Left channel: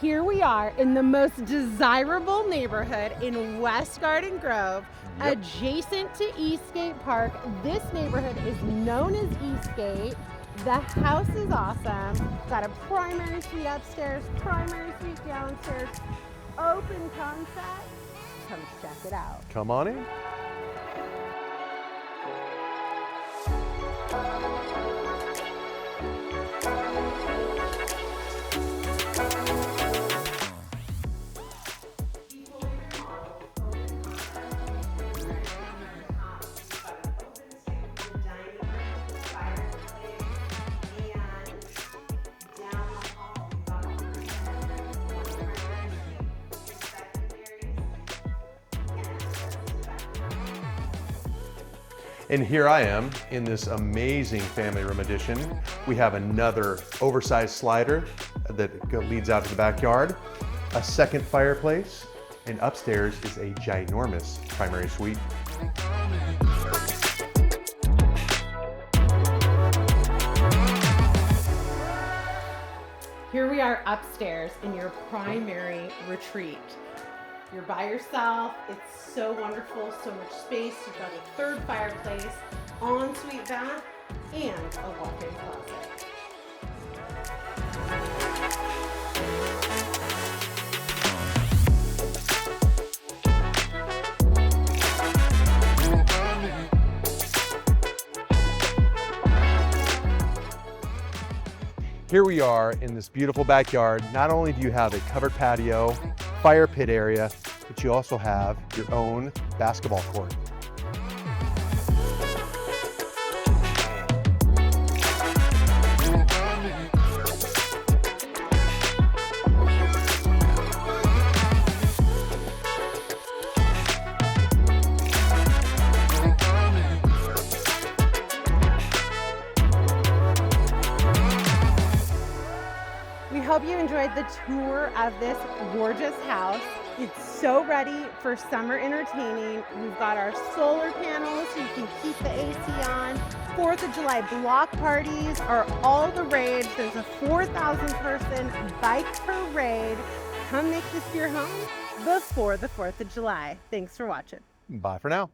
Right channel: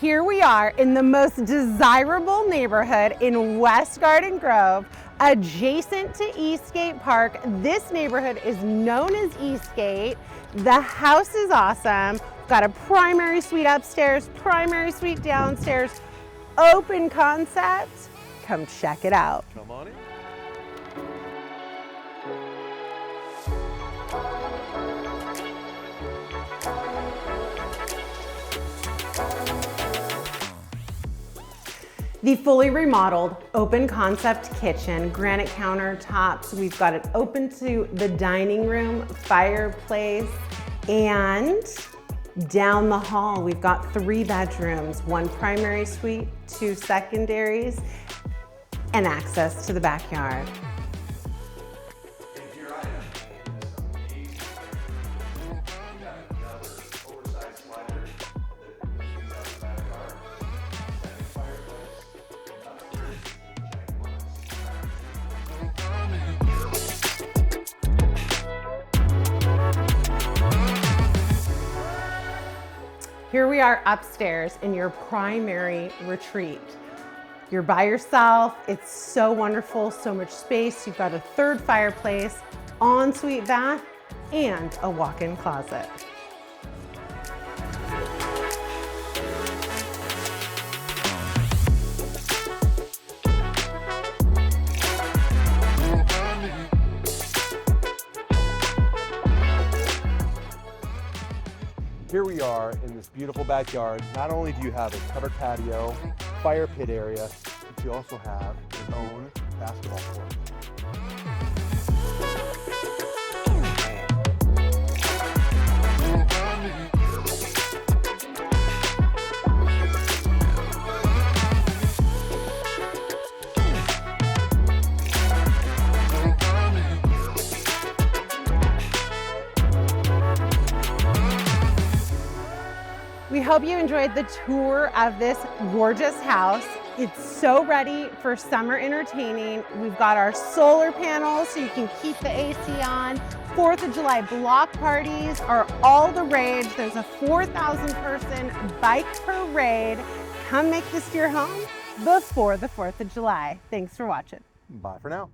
Here we are in the most desirable neighborhood in West Garden Grove, adjacent to Eastgate Park. This neighborhood is known as Eastgate. The house is awesome. Got a primary suite upstairs, primary suite downstairs, open concept. Come check it out. Come on in. The fully remodeled open concept kitchen, granite countertops. We've got it open to the dining room, fireplace, and down the hall, we've got 3 bedrooms, 1 primary suite, 2 secondaries, and access to the backyard. And here I am in this amazing family room addition. We have another oversized slider that leads out to the backyard, a second fireplace, and upstairs is a ginormous primary suite. Here we are upstairs in your primary retreat. You're by yourself. It's so wonderful, so much space. You've got a 3rd fireplace, ensuite bath, and a walk-in closet. Here we are in this beautiful backyard. Not only do you have a covered patio, fire pit area, but you also have your own basketball court. We hope you enjoyed the tour of this gorgeous house. It's so ready for summer entertaining. We've got our solar panels so you can keep the AC on. 4th of July block parties are all the rage. There's a 4,000 person bike parade. Come make this your home before the 4th of July. Thanks for watching. Bye for now.